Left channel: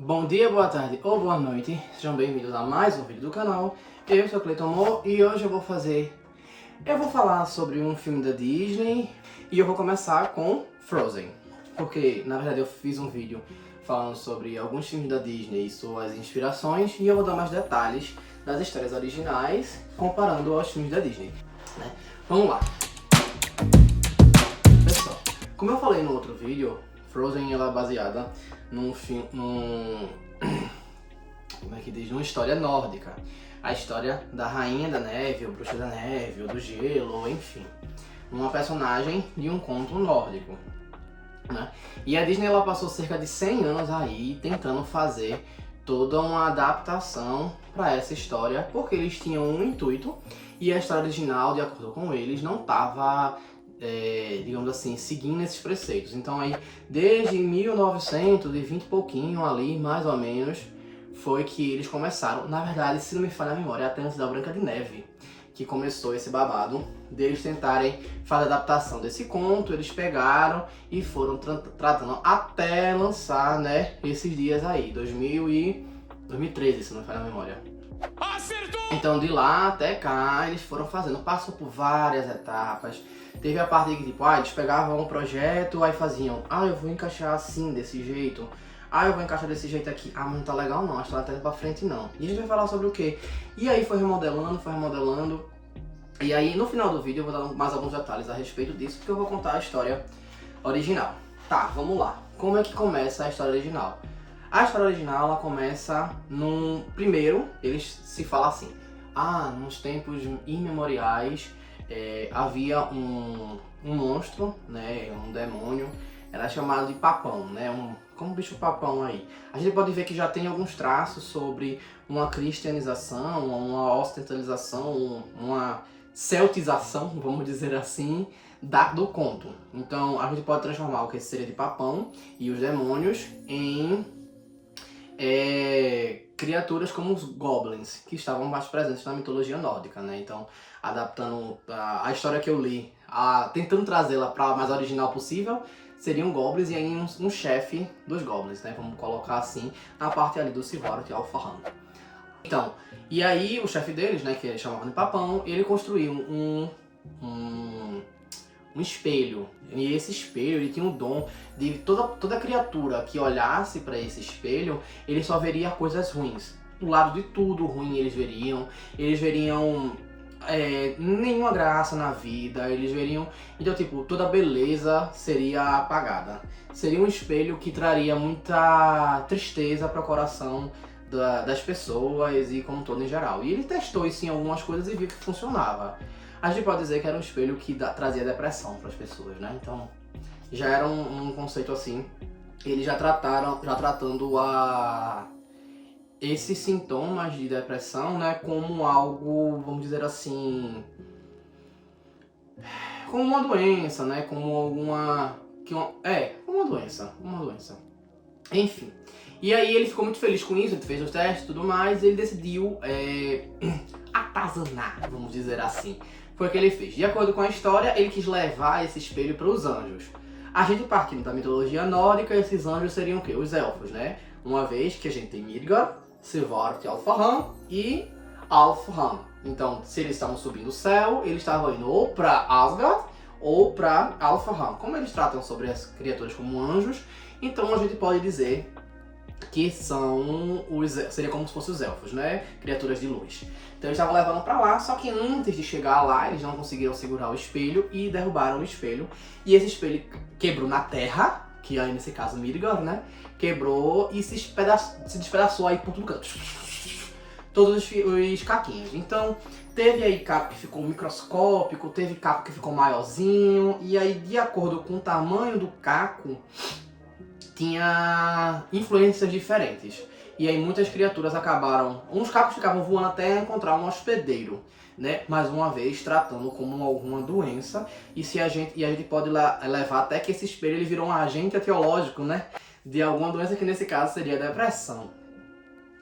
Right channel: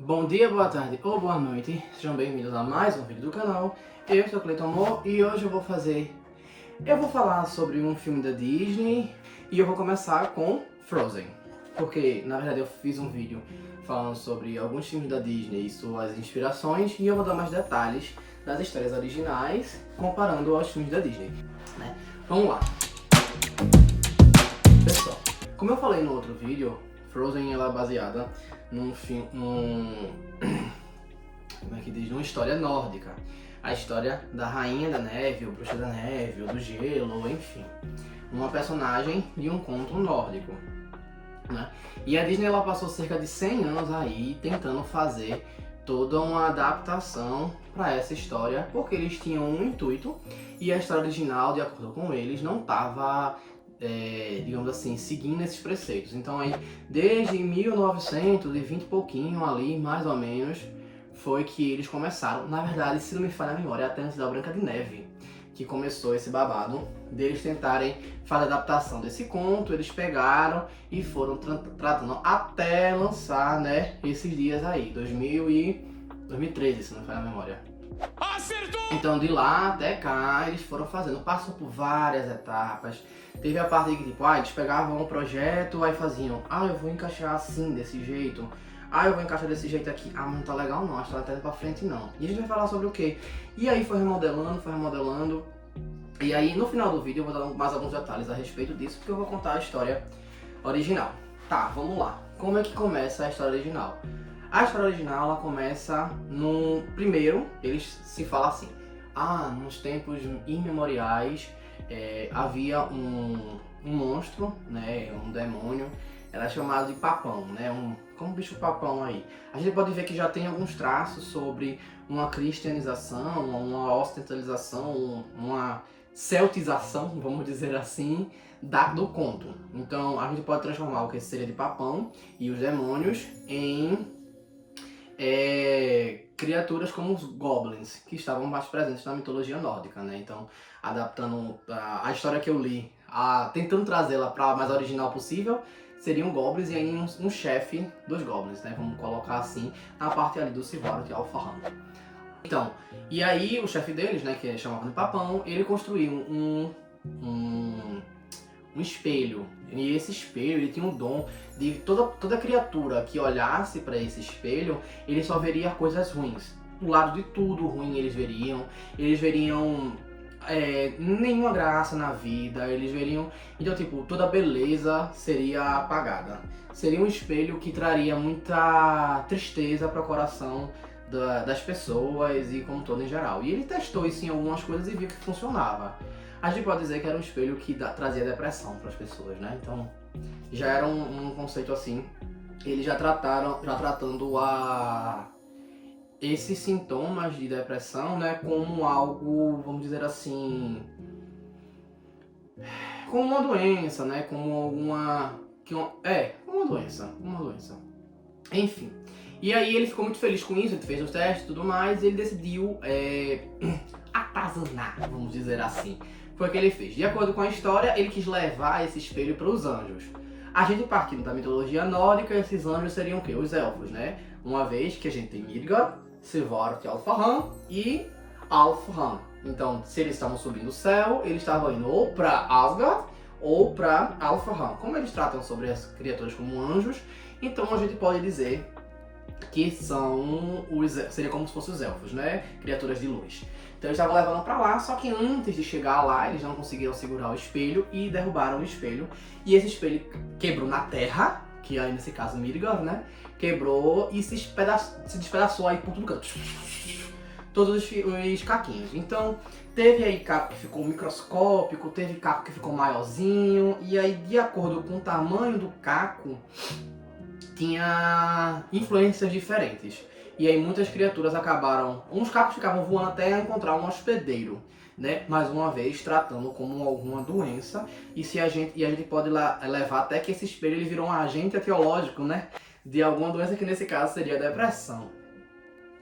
Bom dia, boa tarde ou boa noite, sejam bem-vindos a mais um vídeo do canal. Eu sou Cleiton Mo e hoje eu vou falar sobre um filme da Disney e eu vou começar com Frozen. Porque, na verdade, eu fiz um vídeo falando sobre alguns filmes da Disney e suas inspirações e eu vou dar mais detalhes das histórias originais comparando aos filmes da Disney, né? Vamos lá. Pessoal, como eu falei no outro vídeo, Frozen ela é baseada num filme, como é que diz? Numa história nórdica. A história da Rainha da Neve, ou Bruxa da Neve, ou do Gelo, enfim. Uma personagem de um conto nórdico, né? E a Disney ela passou cerca de 100 anos aí tentando fazer toda uma adaptação para essa história, porque eles tinham um intuito e a história original, de acordo com eles, não estava digamos assim, seguindo esses preceitos. Então aí, desde 1920 e pouquinho ali, mais ou menos, foi que eles começaram. Na verdade, se não me falha a memória, é até antes da Branca de Neve que começou esse babado deles tentarem fazer a adaptação desse conto. Eles pegaram e foram tratando até lançar, né, esses dias aí, 2013, se não me falha a memória. Acertou! Então de lá até cá eles foram fazendo, passou por várias etapas. Teve a parte que tipo, eles pegavam um projeto, aí faziam, eu vou encaixar assim, desse jeito. Eu vou encaixar desse jeito aqui. Mas não tá legal não, a história tá indo pra frente não. E a gente vai falar sobre o quê? E aí foi remodelando. E aí no final do vídeo eu vou dar mais alguns detalhes a respeito disso, porque eu vou contar a história original. Tá, vamos lá. Como é que começa a história original? A história original ela começa no primeiro, eles se falam assim, nos tempos imemoriais havia um monstro, né, um demônio, era chamado de Papão, né, como bicho papão aí. A gente pode ver que já tem alguns traços sobre uma cristianização, uma ocidentalização, uma celtização, vamos dizer assim, do conto. Então a gente pode transformar o que seria de Papão e os demônios em criaturas como os goblins, que estavam mais presentes na mitologia nórdica, né? Então, adaptando a história que eu li, tentando trazê-la para a mais original possível, seriam goblins e aí um chefe dos goblins, né? Vamos colocar assim, na parte ali do Sivaroth Alfahan. Então, e aí o chefe deles, né, que eles chamavam de Papão, ele construiu um espelho. E esse espelho, ele tinha o dom de toda criatura que olhasse para esse espelho, ele só veria coisas ruins. Do lado de tudo ruim eles veriam nenhuma graça na vida, eles veriam, então tipo, toda beleza seria apagada. Seria um espelho que traria muita tristeza para o coração das pessoas e como todo em geral. E ele testou isso em algumas coisas e viu que funcionava. A gente pode dizer que era um espelho que trazia depressão para as pessoas, né? Então, já era um conceito assim. Eles já tratando esses sintomas de depressão, né, como algo, vamos dizer assim, como uma doença, né, como uma doença. Enfim. E aí ele ficou muito feliz com isso, ele fez os testes e tudo mais, e ele decidiu atazanar, vamos dizer assim. Foi o que ele fez. De acordo com a história, ele quis levar esse espelho para os anjos. A gente partindo da mitologia nórdica, esses anjos seriam o quê? Os elfos, né? Uma vez que a gente tem Midgard, Sivaroth Alfahan e Alfheim. Então, se eles estavam subindo o céu, eles estavam indo ou para Asgard ou para Alfheim. Como eles tratam sobre as criaturas como anjos, então a gente pode dizer que seria como se fossem os elfos, né? Criaturas de luz. Então eles estavam levando pra lá, só que antes de chegar lá, eles não conseguiram segurar o espelho e derrubaram o espelho. E esse espelho quebrou na terra, que aí nesse caso Midgard, né? Quebrou e se despedaçou aí por todo canto. Todos os caquinhos. Então teve aí caco que ficou microscópico, teve caco que ficou maiorzinho. E aí de acordo com o tamanho do caco, tinha influências diferentes. E aí muitas criaturas acabaram... Uns cacos ficavam voando até encontrar um hospedeiro, né? Mais uma vez, tratando como alguma doença. E a gente pode levar até que esse espelho ele virou um agente etiológico, né? De alguma doença que nesse caso seria a depressão.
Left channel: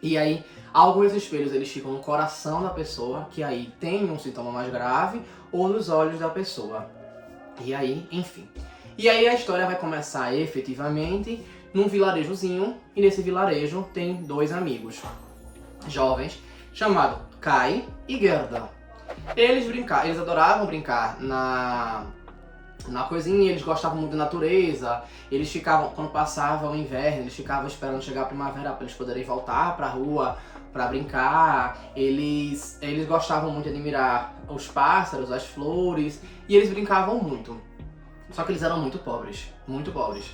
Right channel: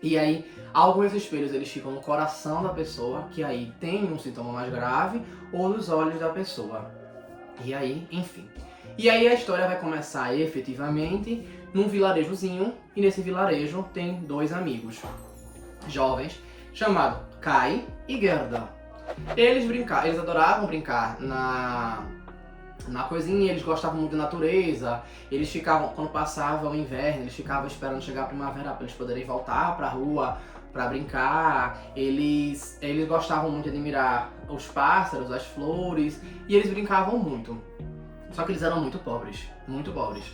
E aí, alguns espelhos eles ficam no coração da pessoa, que aí tem um sintoma mais grave, ou nos olhos da pessoa. E aí, enfim... E aí a história vai começar efetivamente num vilarejozinho, e nesse vilarejo tem dois amigos jovens, chamados Kai e Gerda. Eles adoravam brincar na coisinha, eles gostavam muito da natureza, eles ficavam, quando passava o inverno, eles ficavam esperando chegar a primavera para eles poderem voltar pra rua para brincar. Eles gostavam muito de admirar os pássaros, as flores, e eles brincavam muito. Só que eles eram muito pobres, muito pobres.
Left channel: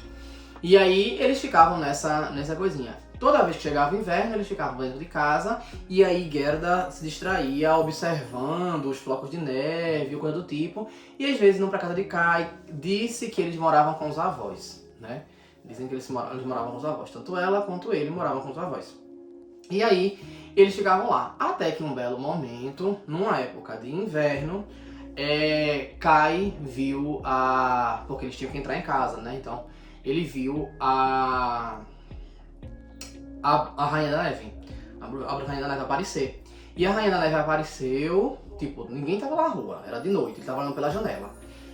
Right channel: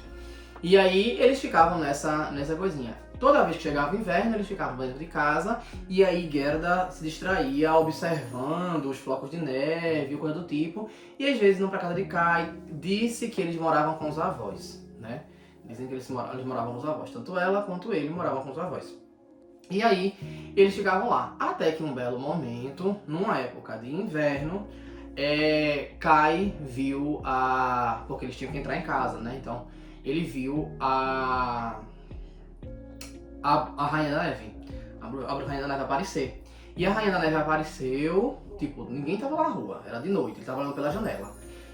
E aí eles ficavam nessa coisinha. Toda vez que chegava o inverno, eles ficavam dentro de casa, e aí Gerda se distraía observando os flocos de neve, coisa do tipo, e às vezes iam pra casa de Kai. Disse que eles moravam com os avós, né? Dizem que eles moravam com os avós, tanto ela quanto ele moravam com os avós. E aí eles ficavam lá, até que um belo momento, numa época de inverno, Kai viu porque eles tinham que entrar em casa, né? Então ele viu a Rainha da Neve, a Rainha da Neve aparecer. E a Rainha da Neve apareceu, tipo, ninguém tava na rua, era de noite, ele tava olhando pela janela.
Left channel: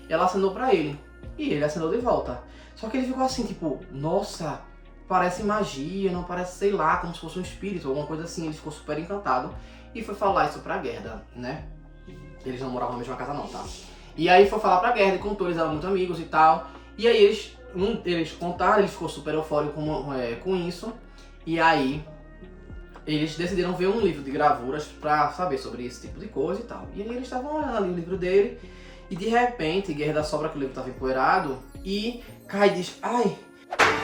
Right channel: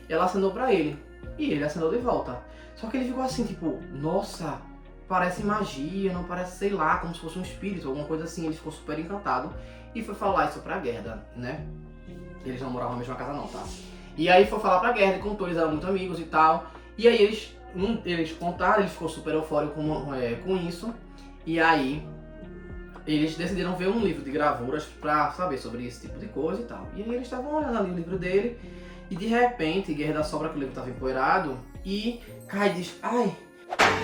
E ela acenou pra ele, e ele acenou de volta. Só que ele ficou assim, tipo, nossa, parece magia, não parece, sei lá, como se fosse um espírito, alguma coisa assim. Ele ficou super encantado e foi falar isso pra Gerda, né? Eles não moravam na mesma casa não, tá? E aí foi falar pra Gerda, e contou, eles eram muito amigos e tal. E aí eles contaram, ele ficou super eufórico com isso. E aí eles decidiram ver um livro de gravuras pra saber sobre esse tipo de coisa e tal. E aí eles estavam olhando ali o livro dele, e de repente Gerda sobra que o livro estava empoeirado, e Kai diz, ai,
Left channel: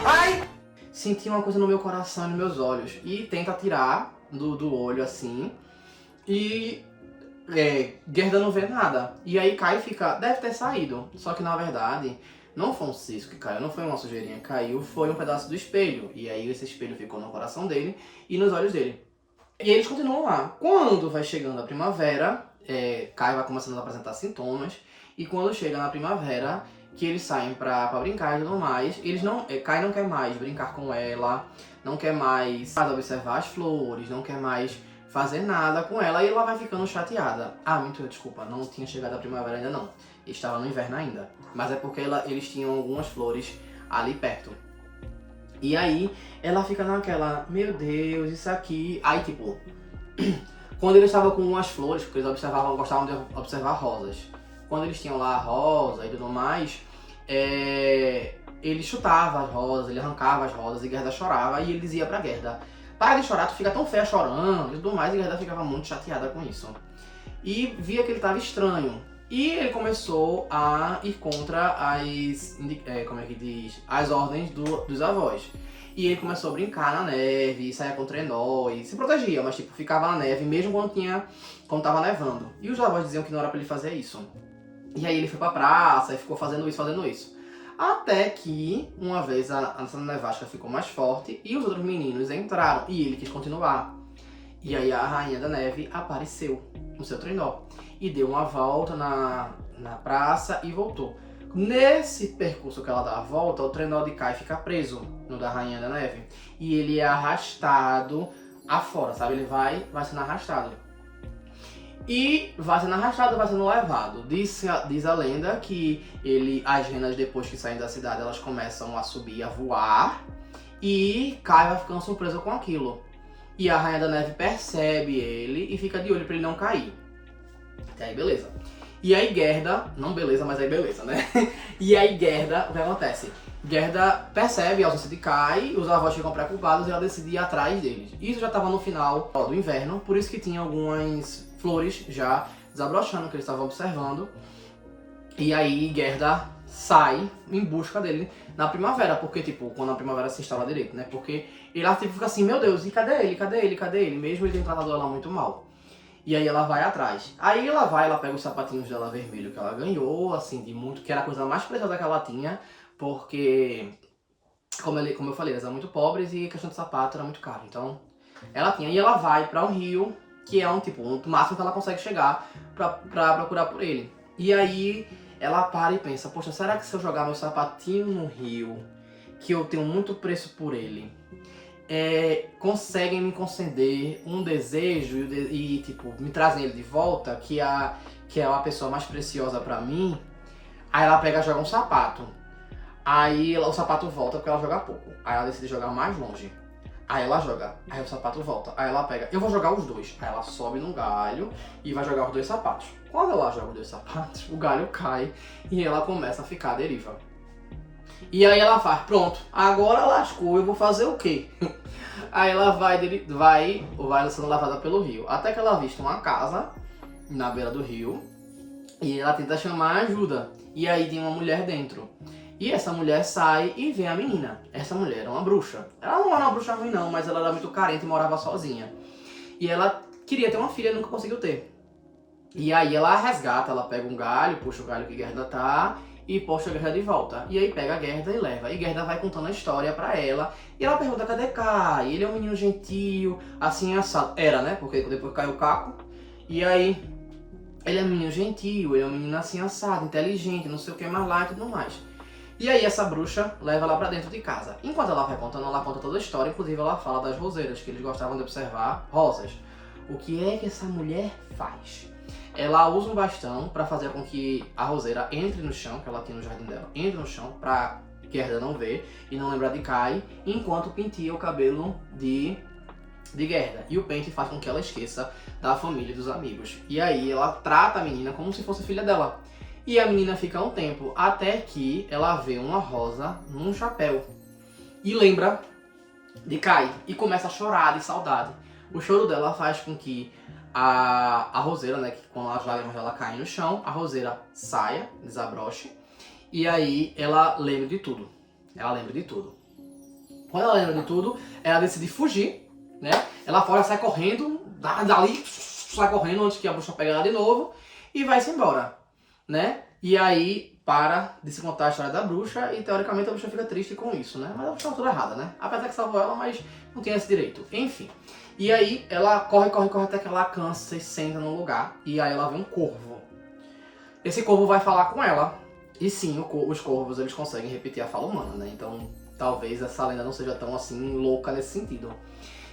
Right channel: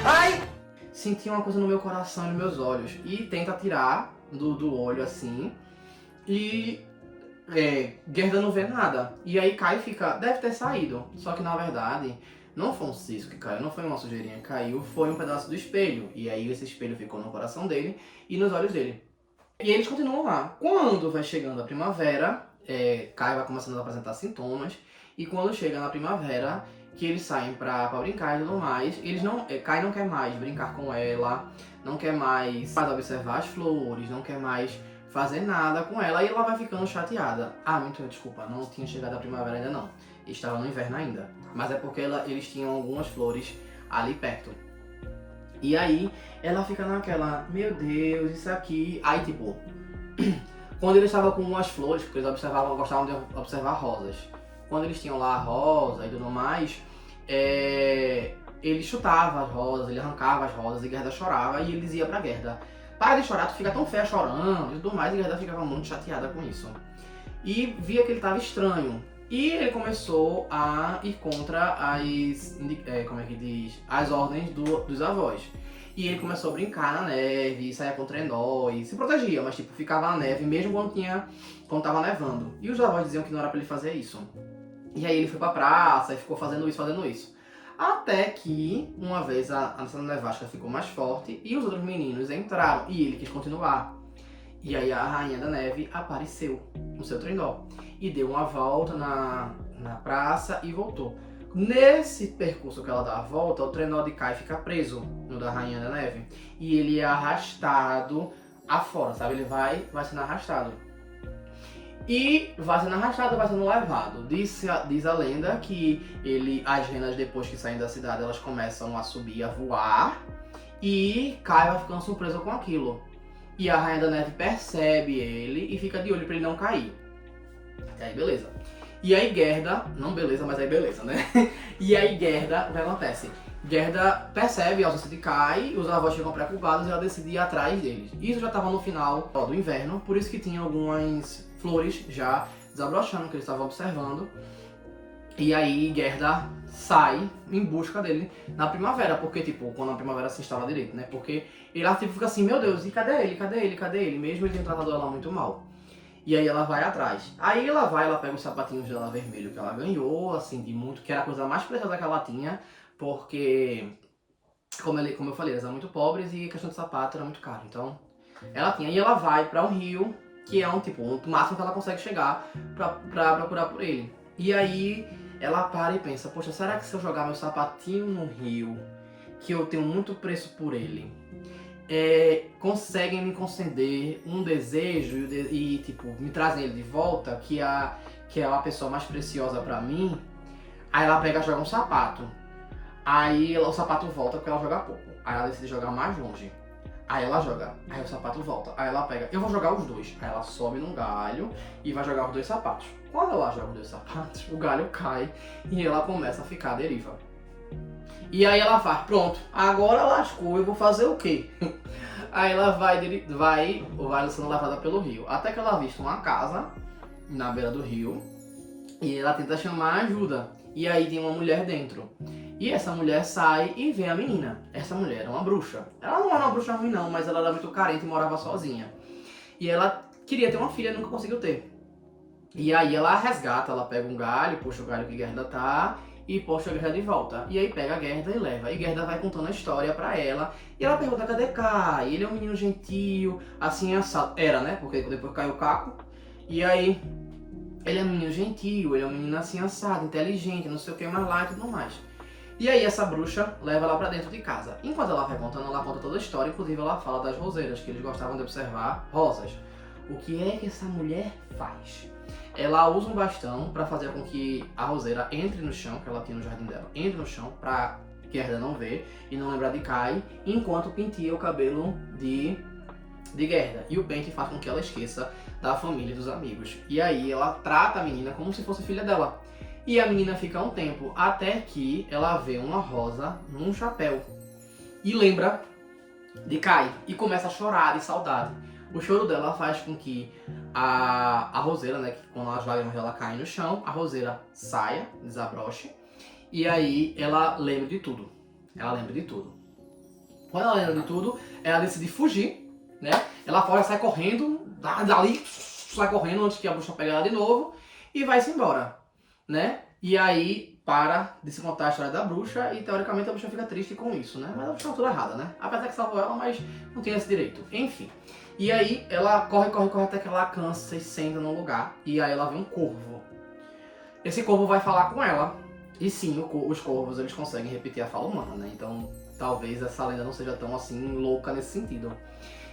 ai! Senti uma coisa no meu coração e nos meus olhos. E tenta tirar do olho assim, e Gerda não vê nada. E aí Kai fica, deve ter saído. Só que na verdade não foi um cisco que caiu, não foi uma sujeirinha que caiu, foi um pedaço do espelho. E aí esse espelho ficou no coração dele e nos olhos dele. E eles continuam lá. Quando vai chegando a primavera, Kai vai começando a apresentar sintomas. E quando chega na primavera, que eles saem pra brincar e tudo mais, Kai não quer mais brincar com ela, não quer mais observar as flores, não quer mais fazer nada com ela, e ela vai ficando chateada. Ah, mentira, desculpa, não tinha chegado a primavera ainda não. Estava no inverno ainda. Mas é porque eles tinham algumas flores ali perto. E aí, ela fica naquela, meu Deus, isso aqui... Aí, tipo, quando eles estavam com umas flores, porque eles gostavam de observar rosas. Quando eles tinham lá a rosa e tudo mais, ele chutava as rosas, ele arrancava as rosas, e Gerda chorava, e ele dizia pra Gerda, para de chorar, tu fica tão feia chorando e tudo mais, e Gerda ficava muito chateada com isso. E via que ele estava estranho. E ele começou a ir contra as ordens dos avós. E ele começou a brincar na neve, saía com trenó e se protegia, mas tipo, ficava na neve mesmo quando tava nevando. E os avós diziam que não era pra ele fazer isso. E aí ele foi pra praça e ficou fazendo isso. Até que, uma vez, a nevasca ficou mais forte e os outros meninos entraram e ele quis continuar. E aí a Rainha da Neve apareceu no seu trenó e deu uma volta na praça e voltou. Nesse percurso que ela dá a volta, o trenó de Kai fica preso no da Rainha da Neve e ele é arrastado afora, sabe? Ele vai sendo arrastado. E vai sendo levado. Diz a lenda que as renas, depois que saem da cidade, elas começam a subir, a voar, e Kai vai ficando surpreso com aquilo. E a Rainha da Neve percebe ele e fica de olho pra ele não cair. Até aí beleza. E aí Gerda, não beleza, mas aí beleza, né? E aí Gerda, o que acontece? Gerda percebe a ausência de Kai, os avós ficam preocupados e ela decide ir atrás deles. Isso já estava no final do inverno, por isso que tinha algumas flores já desabrochando que eles estavam observando. E aí Gerda sai em busca dele na primavera, porque tipo, quando a primavera se instala direito, né? Porque ele tipo, fica assim, meu Deus, e cadê ele? Cadê ele? Cadê ele? Mesmo ele tendo tratado ela muito mal. E aí ela vai atrás. Aí ela pega os sapatinhos dela vermelho que ela ganhou, assim, que era a coisa mais preciosa que ela tinha, porque, como eu falei, elas eram muito pobres e a questão de sapato era muito caro. Então, ela tinha. E ela vai para um rio, que é o máximo que ela consegue chegar pra procurar por ele. E aí ela para e pensa, poxa, será que se eu jogar meu sapatinho no rio, que eu tenho muito preço por ele, conseguem me conceder um desejo e tipo, me trazem ele de volta, que é a pessoa mais preciosa pra mim? Aí ela pega e joga um sapato. Aí o sapato volta porque ela joga pouco. Aí ela decide jogar mais longe. Aí ela joga, aí o sapato volta. Aí ela pega, eu vou jogar os dois. Aí ela sobe num galho e vai jogar os dois sapatos. Quando ela joga os dois sapatos, o galho cai e ela começa a ficar à deriva. E aí ela faz, pronto, agora lascou, eu vou fazer o quê? Aí ela vai sendo levada pelo rio. Até que ela avista uma casa na beira do rio e ela tenta chamar ajuda. E aí tem uma mulher dentro. E essa mulher sai e vê a menina. Essa mulher era uma bruxa. Ela não era uma bruxa ruim não, mas ela era muito carente e morava sozinha. E ela queria ter uma filha e nunca conseguiu ter. E aí ela resgata, ela pega um galho, puxa o galho que Gerda tá e puxa a Gerda de volta. E aí pega a Gerda e leva. E Gerda vai contando a história pra ela. E ela pergunta, cadê Kai? Ele é um menino gentil, assim assado. Era, né? Porque depois caiu o caco. E aí, ele é um menino gentil, ele é um menino assim assado, inteligente, não sei o que mais lá e tudo mais. E aí essa bruxa leva ela pra dentro de casa. Enquanto ela vai contando, ela conta toda a história. Inclusive ela fala das roseiras, que eles gostavam de observar rosas. O que é que essa mulher faz? Ela usa um bastão pra fazer com que a roseira entre no chão, que ela tinha no jardim dela, entre no chão pra Gerda não ver e não lembrar de Kai, enquanto penteia o cabelo de Gerda. E o pente faz com que ela esqueça da família e dos amigos. E aí ela trata a menina como se fosse filha dela. E a menina fica um tempo, até que ela vê uma rosa num chapéu. E lembra de Kai. E começa a chorar de saudade. O choro dela faz com que a roseira, né, que quando as lágrimas dela caem no chão, a roseira saia, desabroche. E aí ela lembra de tudo. Ela lembra de tudo. Quando ela lembra de tudo, ela decide fugir, né? Ela foge, sai correndo, dali, sai correndo antes que a bruxa pegue ela de novo e vai-se embora, né? E aí para de se contar a história da bruxa e teoricamente a bruxa fica triste com isso, né? Mas a bruxa tá toda errada, né? Apesar que salvou ela, mas não tem esse direito. Enfim. E aí ela corre até que ela cansa e senta num lugar. E aí ela vê um corvo. Esse corvo vai falar com ela. E sim, os corvos eles conseguem repetir a fala humana, né? Então talvez essa lenda não seja tão assim louca nesse sentido.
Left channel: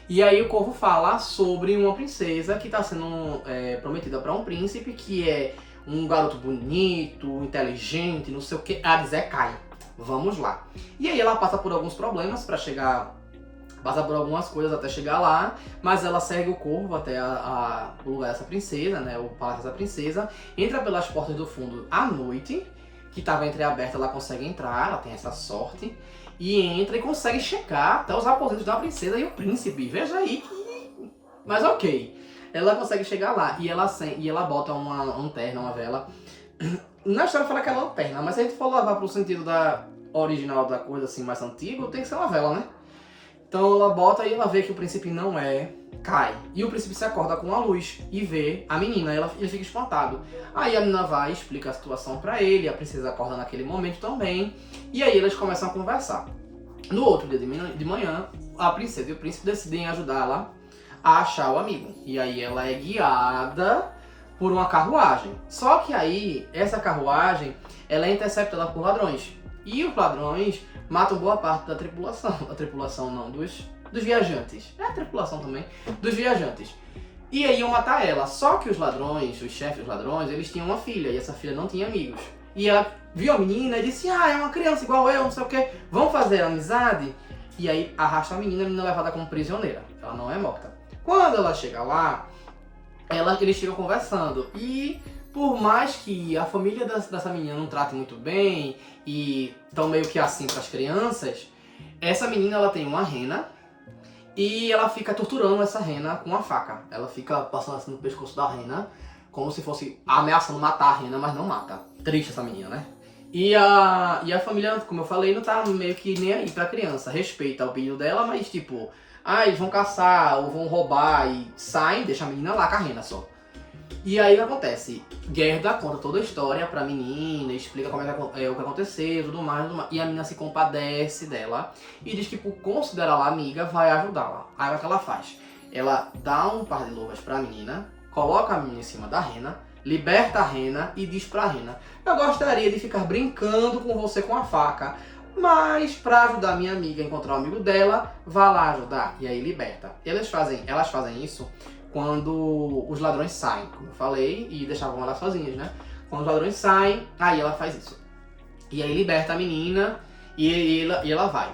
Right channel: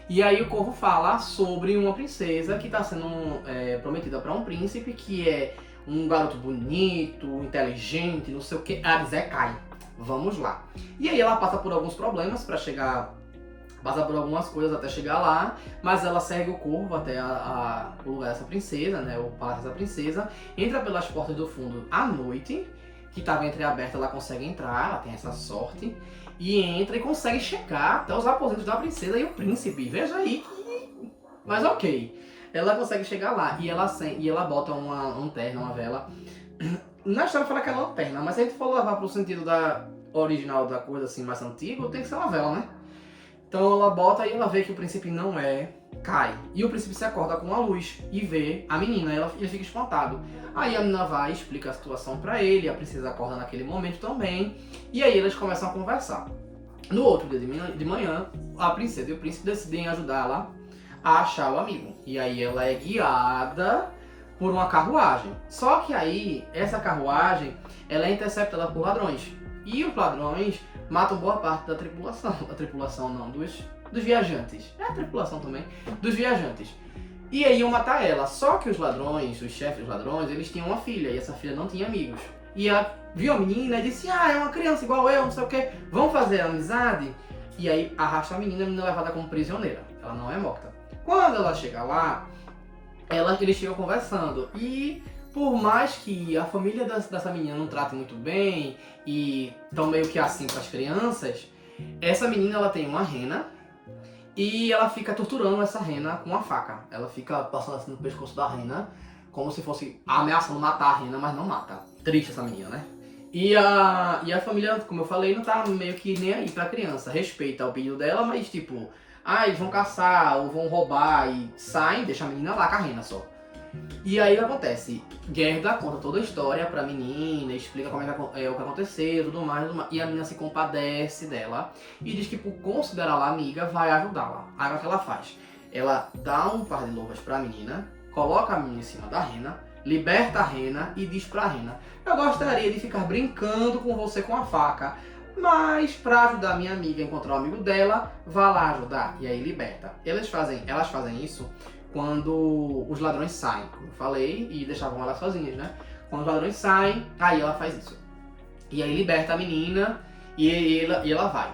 E aí o corvo fala sobre uma princesa que está sendo prometida para um príncipe que é um garoto bonito, inteligente, não sei o que. Ela diz, Kai, vamos lá. E aí ela passa por alguns problemas para chegar, passa por algumas coisas até chegar lá, mas ela segue o corvo até o lugar dessa princesa, né, o palácio dessa princesa, entra pelas portas do fundo à noite, que estava entreaberta, ela consegue entrar, ela tem essa sorte, e entra e consegue chegar até os aposentos da princesa e o príncipe. Veja aí que... Mas ok. Ela consegue chegar lá e ela bota um terno, uma vela. Na história fala que é lanterna, mas se a gente for levar pro sentido da original da coisa assim mais antiga, tem que ser uma vela, né? Então ela bota e ela vê que o príncipe não é Kai. E o príncipe se acorda com a luz e vê a menina, ele fica espantado. Aí a menina vai, explica a situação pra ele, a princesa acorda naquele momento também, e aí eles começam a conversar. No outro dia de manhã, a princesa e o príncipe decidem ajudá-la a achar o amigo. E aí ela é guiada por uma carruagem. Só que aí, essa carruagem, ela é interceptada por ladrões. E os ladrões matam boa parte da tripulação. A tripulação não, dos viajantes. É a tripulação também, dos viajantes. E aí iam matar ela. Só que os ladrões, os chefes dos ladrões, eles tinham uma filha. E essa filha não tinha amigos. E ela viu a menina e disse, é uma criança igual eu, não sei o que. Vamos fazer amizade? E aí arrasta a menina é levada como prisioneira. Ela não é morta. Quando ela chega lá, eles ficam conversando. E por mais que a família dessa menina não trate muito bem e estão meio que assim para as crianças, essa menina ela tem uma rena e ela fica torturando essa rena com uma faca. Ela fica passando assim no pescoço da rena, como se fosse ameaçando matar a rena, mas não mata. Triste essa menina, né? E a família, como eu falei, não tá meio que nem aí pra criança. Respeita o pedido dela, mas tipo, eles vão caçar ou vão roubar e saem, deixa a menina lá com a rena só. E aí o que acontece? Gerda conta toda a história pra menina, explica como é o que aconteceu, tudo mais, e a menina se compadece dela e diz que por considerá-la amiga vai ajudá-la. Aí o que ela faz? Ela dá um par de luvas pra menina, coloca a menina em cima da rena, liberta a rena e diz pra rena, eu gostaria de ficar brincando com você com a faca, mas pra ajudar minha amiga a encontrar o amigo dela, vá lá ajudar. E aí liberta. Elas fazem isso quando os ladrões saem, como eu falei, e deixavam elas sozinhas, né? Quando os ladrões saem, aí ela faz isso. E aí liberta a menina E ela vai.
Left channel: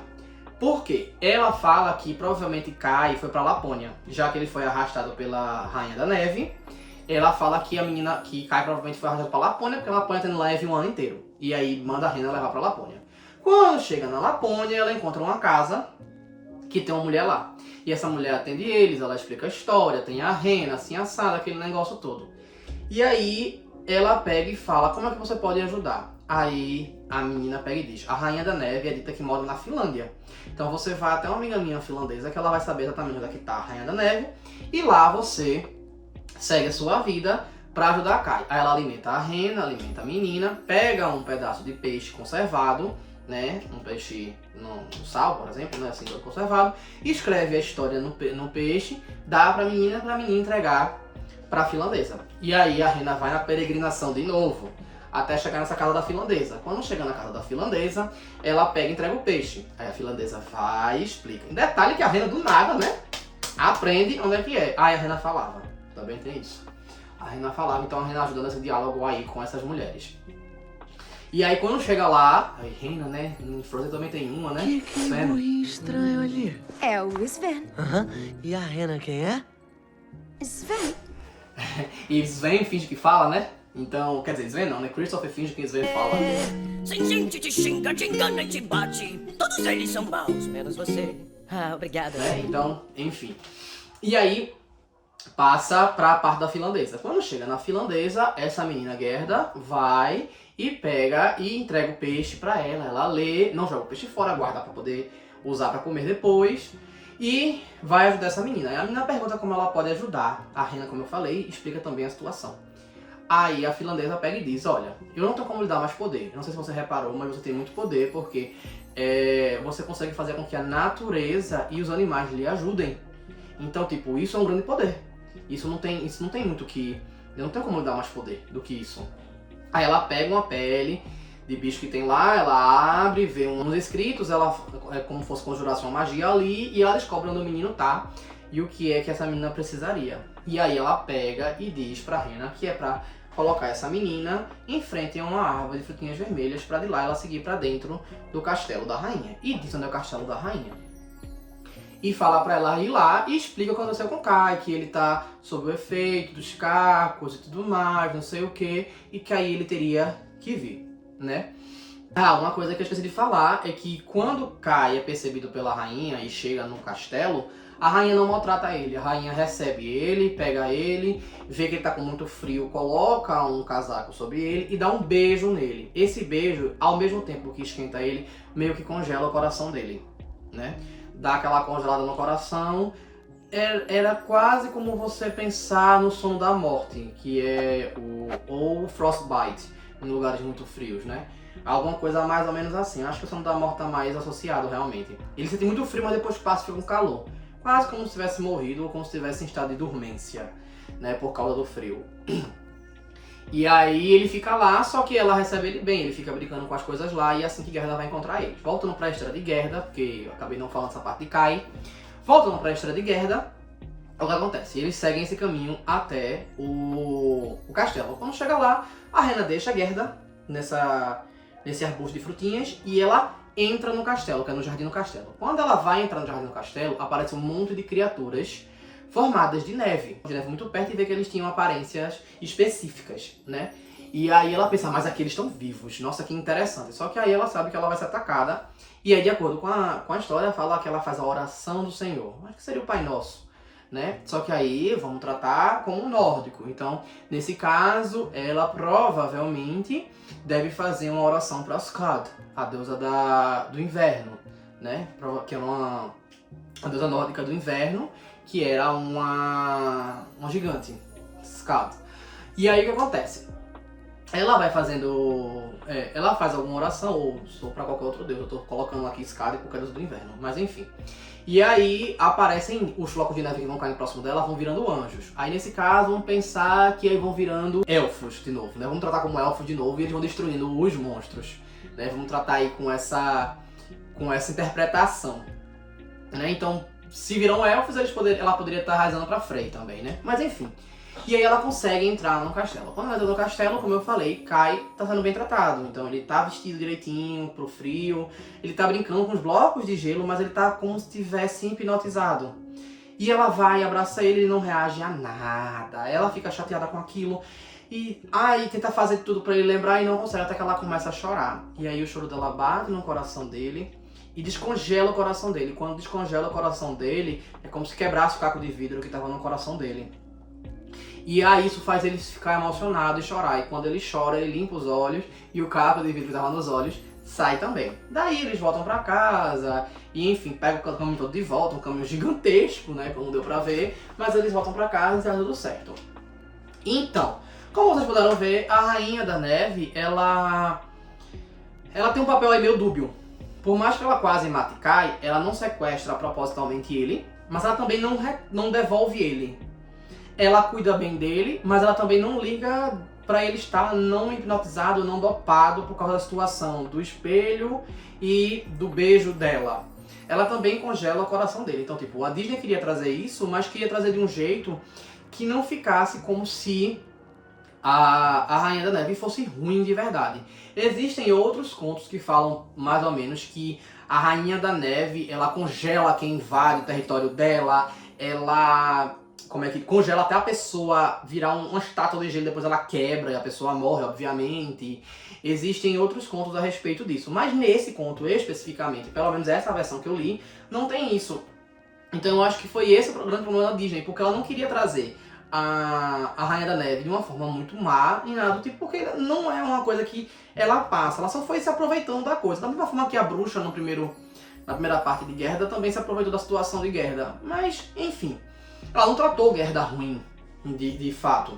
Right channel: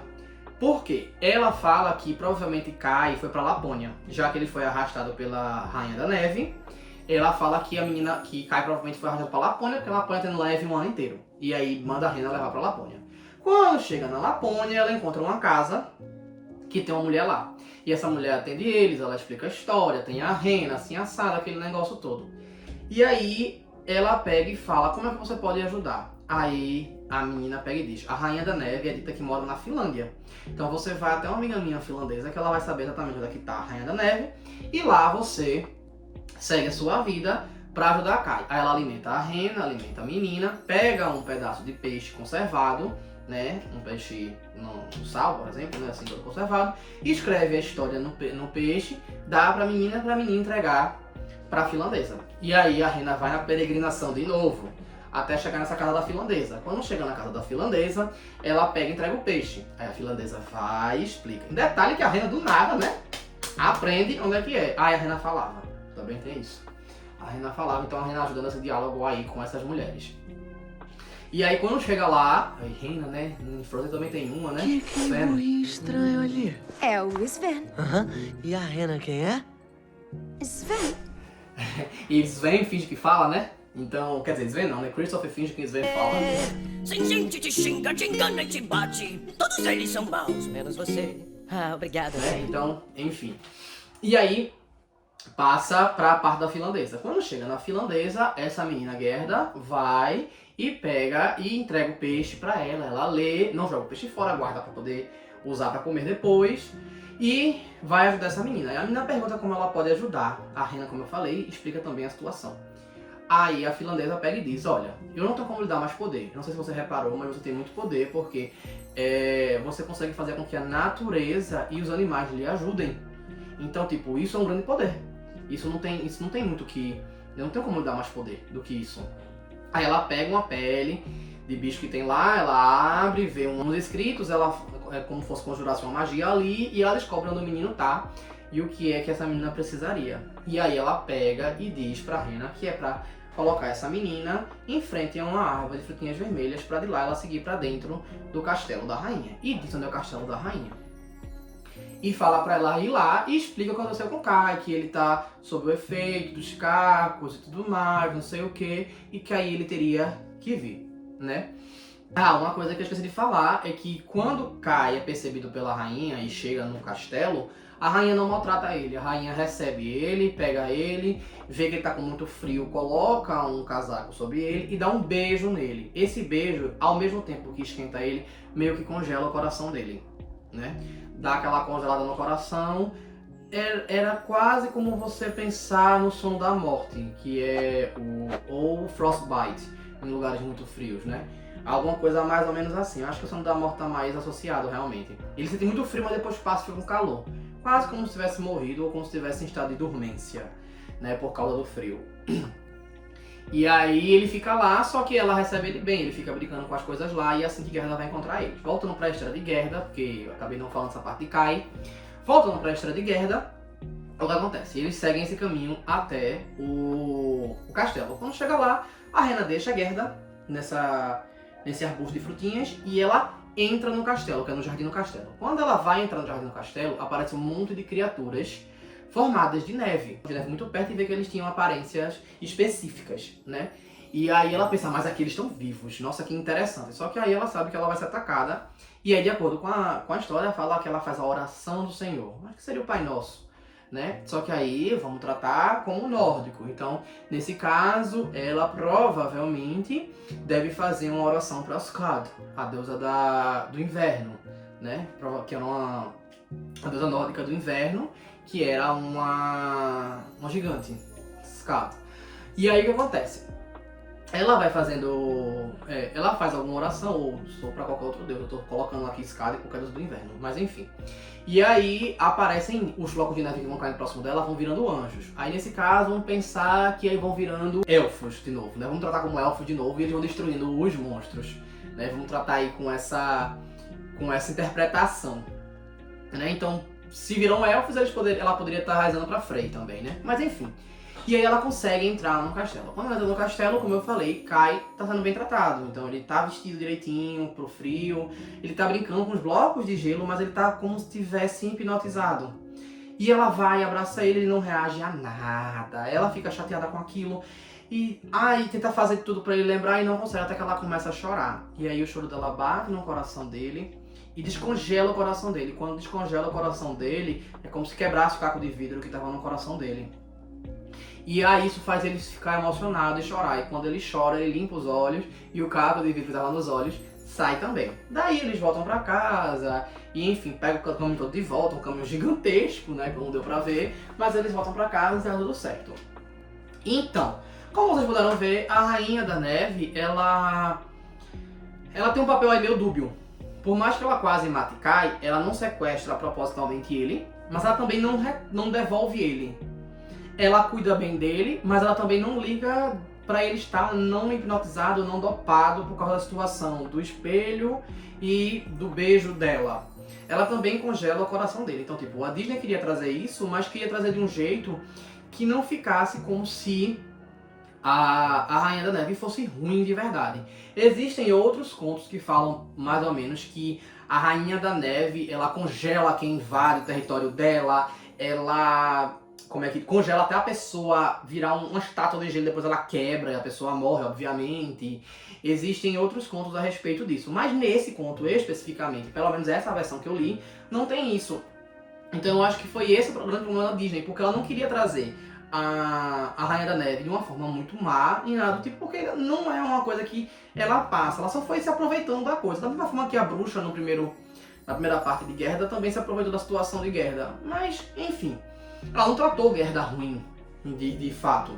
Por quê? Ela fala que provavelmente Kai foi pra Lapônia, já que ele foi arrastado pela Rainha da Neve. Ela fala que que Kai provavelmente foi arrastado pra Lapônia, porque a Lapônia tem neve um ano inteiro. E aí manda a Rena levar pra Lapônia. Quando chega na Lapônia, ela encontra uma casa que tem uma mulher lá. E essa mulher atende eles, ela explica a história, tem a Rena, assim, assada, aquele negócio todo. E aí ela pega e fala, como é que você pode ajudar? Aí a menina pega e diz, a Rainha da Neve é dita que mora na Finlândia. Então você vai até uma amiga minha finlandesa, que ela vai saber exatamente onde é que tá a Rainha da Neve. E lá você segue a sua vida pra ajudar a Kai. Aí ela alimenta a Rena, alimenta a menina, pega um pedaço de peixe conservado, né, um peixe no sal, por exemplo, né, assim, todo conservado, escreve a história no peixe, dá pra menina entregar pra finlandesa. E aí a Rena vai na peregrinação de novo, até chegar nessa casa da finlandesa. Quando chega na casa da finlandesa, ela pega e entrega o peixe. Aí a finlandesa vai e explica. Em detalhe que a Rena do nada, né, aprende onde é que é. Aí a Rena falava, também tem isso. A Rena falava, então a Rena ajuda nesse diálogo aí com essas mulheres. E aí quando chega lá, a Rena, né, em Frozen também tem uma, né? Que burrinho estranho ali. É o Sven. Aham. E a Rena quem é? Sven? E Sven finge que fala, né? Então, quer dizer, Sven não, né? Christopher finge que Sven fala. Sem gente te xinga, te engana e te bate. Todos eles são maus, menos você. Ah, obrigada. Né? Então, enfim. E aí, passa pra parte da finlandesa. Quando chega na finlandesa, essa menina Gerda vai e pega e entrega o peixe pra ela. Ela lê, não joga o peixe fora, guarda pra poder usar pra comer depois. E vai ajudar essa menina. E a menina pergunta como ela pode ajudar. A Rena, como eu falei, explica também a situação. Aí a finlandesa pega e diz, olha, eu não tenho como lhe dar mais poder. Eu não sei se você reparou, mas você tem muito poder porque você consegue fazer com que a natureza e os animais lhe ajudem. Então, tipo, isso é um grande poder. Isso não tem muito que... Eu não tenho como lhe dar mais poder do que isso. Aí ela pega uma pele de bicho que tem lá, ela abre, vê uns escritos, ela é como se fosse conjurasse uma magia ali, e ela descobre onde o menino tá e o que é que essa menina precisaria. E aí ela pega e diz pra Rena que é pra colocar essa menina em frente a uma árvore de frutinhas vermelhas pra de lá ela seguir pra dentro do castelo da rainha. E diz onde é o castelo da rainha. E falar pra ela ir lá e explica o que aconteceu com o Kai, que ele tá sob o efeito dos cacos e tudo mais, não sei o que, e que aí ele teria que vir, né? Ah, uma coisa que eu esqueci de falar é que quando Kai é percebido pela rainha e chega no castelo, a rainha não maltrata ele, a rainha recebe ele, pega ele, vê que ele tá com muito frio, coloca um casaco sobre ele e dá um beijo nele. Esse beijo, ao mesmo tempo que esquenta ele, meio que congela o coração dele, né? Dá aquela congelada no coração. Era quase como você pensar no sono da morte, que é ou frostbite, em lugares muito frios, né? Alguma coisa mais ou menos assim. Eu acho que o sono da morte tá mais associado, realmente. Ele sente muito frio, mas depois passa e fica com calor. Quase como se tivesse morrido ou como se estivesse em estado de dormência, né? Por causa do frio. E aí ele fica lá, só que ela recebe ele bem, ele fica brincando com as coisas lá, e é assim que Gerda vai encontrar ele. Voltando pra história de Gerda, porque eu acabei não falando essa parte de Kai. Voltando pra história de Gerda, o que acontece? Eles seguem esse caminho até o castelo. Quando chega lá, a Rena deixa a Gerda nesse arbusto de frutinhas e ela entra no castelo, que é no Jardim do Castelo. Quando ela vai entrar no Jardim do Castelo, aparece um monte de criaturas formadas de neve muito perto, e vê que eles tinham aparências específicas, né? E aí ela pensa, mas aqui eles estão vivos, nossa, que interessante. Só que aí ela sabe que ela vai ser atacada, e aí de acordo com a história, fala que ela faz a oração do Senhor. Acho que seria o Pai Nosso, né? Só que aí vamos tratar como um nórdico. Então, nesse caso, ela provavelmente deve fazer uma oração para Skad, a deusa do inverno, né? Que é a deusa nórdica do inverno, que era uma gigante, Skad. E aí o que acontece? Ela vai fazendo... ela faz alguma oração, ou para qualquer outro deus. Eu tô colocando aqui Skad e qualquer deus do inverno, mas enfim. E aí aparecem os flocos de neve que vão caindo próximo dela, vão virando anjos. Aí nesse caso, vamos pensar que aí vão virando elfos de novo, né? Vamos tratar como elfos de novo e eles vão destruindo os monstros, né? Vamos tratar aí com essa interpretação, né? Então, se viram elfos, ela poderia estar raizando pra Frey também, né? Mas enfim. E aí ela consegue entrar no castelo. Quando ela entra no castelo, como eu falei, Kai tá sendo bem tratado. Então ele tá vestido direitinho pro frio, ele tá brincando com os blocos de gelo, mas ele tá como se estivesse hipnotizado. E ela vai, abraça ele não reage a nada. Ela fica chateada com aquilo. E tenta fazer tudo pra ele lembrar e não consegue, até que ela começa a chorar. E aí o choro dela bate no coração dele e descongela o coração dele. Quando descongela o coração dele, é como se quebrasse o caco de vidro que tava no coração dele. E aí isso faz ele ficar emocionado e chorar. E quando ele chora, ele limpa os olhos e o caco de vidro que tava nos olhos sai também. Daí eles voltam pra casa e, enfim, pegam o caminho todo de volta, um caminho gigantesco, né, que não deu pra ver, mas eles voltam pra casa e tá tudo certo. Então, como vocês puderam ver, a Rainha da Neve, ela tem um papel aí meio dúbio. Por mais que ela quase mate Kai, ela não sequestra propositalmente ele, mas ela também não devolve ele. Ela cuida bem dele, mas ela também não liga pra ele estar não hipnotizado, não dopado por causa da situação do espelho e do beijo dela. Ela também congela o coração dele. Então, tipo, a Disney queria trazer isso, mas queria trazer de um jeito que não ficasse como se a Rainha da Neve fosse ruim de verdade. Existem outros contos que falam mais ou menos que a Rainha da Neve, ela congela quem invade o território dela, ela congela até a pessoa virar uma estátua de gelo, depois ela quebra e a pessoa morre, obviamente. Existem outros contos a respeito disso, mas nesse conto especificamente, pelo menos essa versão que eu li, não tem isso. Então eu acho que foi esse o grande problema da Disney, porque ela não queria trazer a Rainha da Neve de uma forma muito má, e nada do tipo, porque não é uma coisa que ela passa, ela só foi se aproveitando da coisa. Da mesma forma que a bruxa na primeira parte de Gerda também se aproveitou da situação de Gerda. Mas, enfim, ela não tratou Gerda ruim, de fato.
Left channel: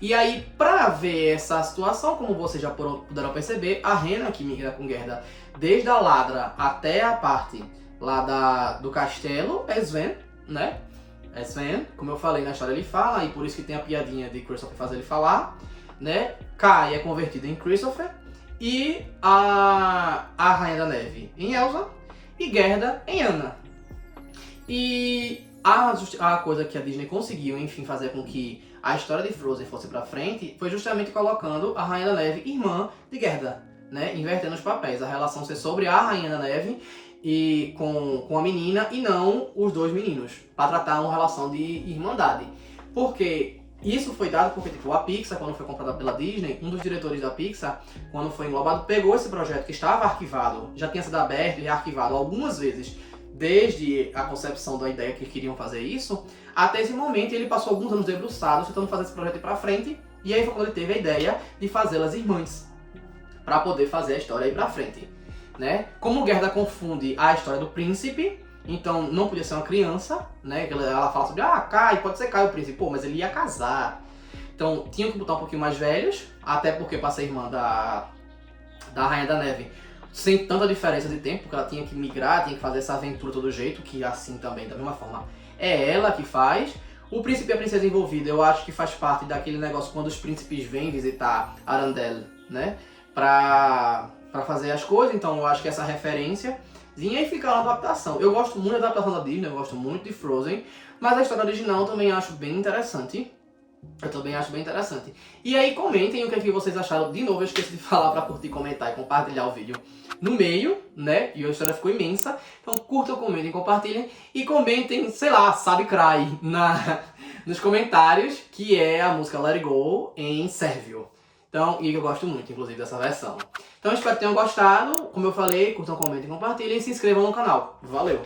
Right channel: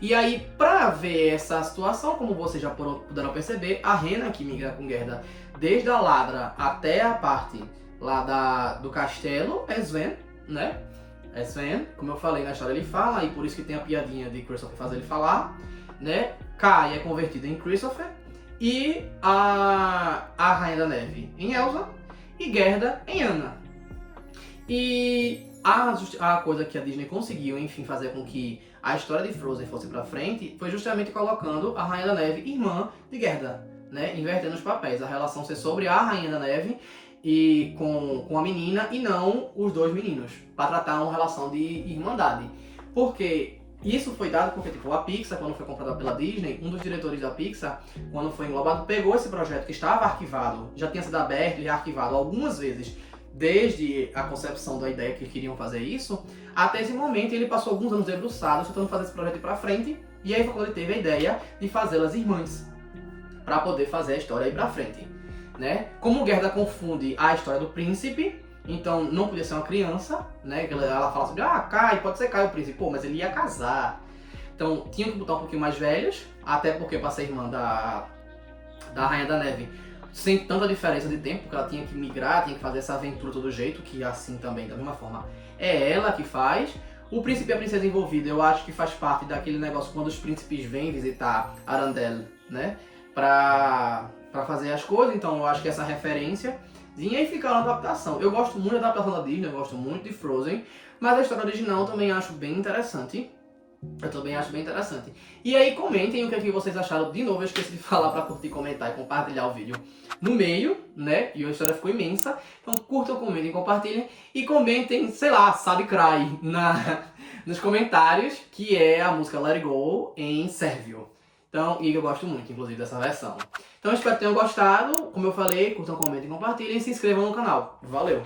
E aí, pra ver essa situação, como vocês já puderam perceber, a Rena, que migra com Gerda desde a Ladra até a parte lá do castelo, é Sven, né? É Sven, como eu falei na história, ele fala, e por isso que tem a piadinha de Christopher fazer ele falar, né? Kai é convertido em Christopher, e a Rainha da Neve em Elsa, e Gerda em Anna. E a coisa que a Disney conseguiu, enfim, fazer com que a história de Frozen fosse pra frente, foi justamente colocando a Rainha da Neve irmã de Gerda, né? Invertendo os papéis, a relação ser sobre a Rainha da Neve e com a menina e não os dois meninos, para tratar uma relação de irmandade. Porque isso foi dado porque, tipo, a Pixar, quando foi comprada pela Disney, um dos diretores da Pixar, quando foi englobado, pegou esse projeto que estava arquivado, já tinha sido aberto e arquivado algumas vezes, desde a concepção da ideia que queriam fazer isso, até esse momento ele passou alguns anos debruçado, tentando fazer esse projeto ir pra frente, e aí foi quando ele teve a ideia de fazê-las irmãs, para poder fazer a história ir pra frente. Né? Como Gerda confunde a história do príncipe, então não podia ser uma criança, né? Ela fala sobre, Kai, pode ser Kai o príncipe, pô, mas ele ia casar. Então tinham que botar um pouquinho mais velhos, até porque para ser irmã da Rainha da Neve, sem tanta diferença de tempo, porque ela tinha que migrar, tinha que fazer essa aventura todo jeito, que assim também, da mesma forma, é ela que faz. O príncipe e a princesa envolvida, eu acho que faz parte daquele negócio quando os príncipes vêm visitar Arendelle, né? Pra fazer as coisas, então eu acho que essa referência vinha e fica na adaptação. Eu gosto muito da adaptação da Disney, eu gosto muito de Frozen, mas a história original eu também acho bem interessante. E aí comentem o que, é que vocês acharam. De novo, eu esqueci de falar para curtir, comentar e compartilhar o vídeo no meio, né? E a história ficou imensa. Então curtam, comentem, compartilhem e comentem, sei lá, Sabe Cry nos comentários, que é a música Let It Go em sérvio. Então, e eu gosto muito, inclusive, dessa versão. Então, espero que tenham gostado. Como eu falei, curtam, comentem, compartilhem e se inscrevam no canal. Valeu!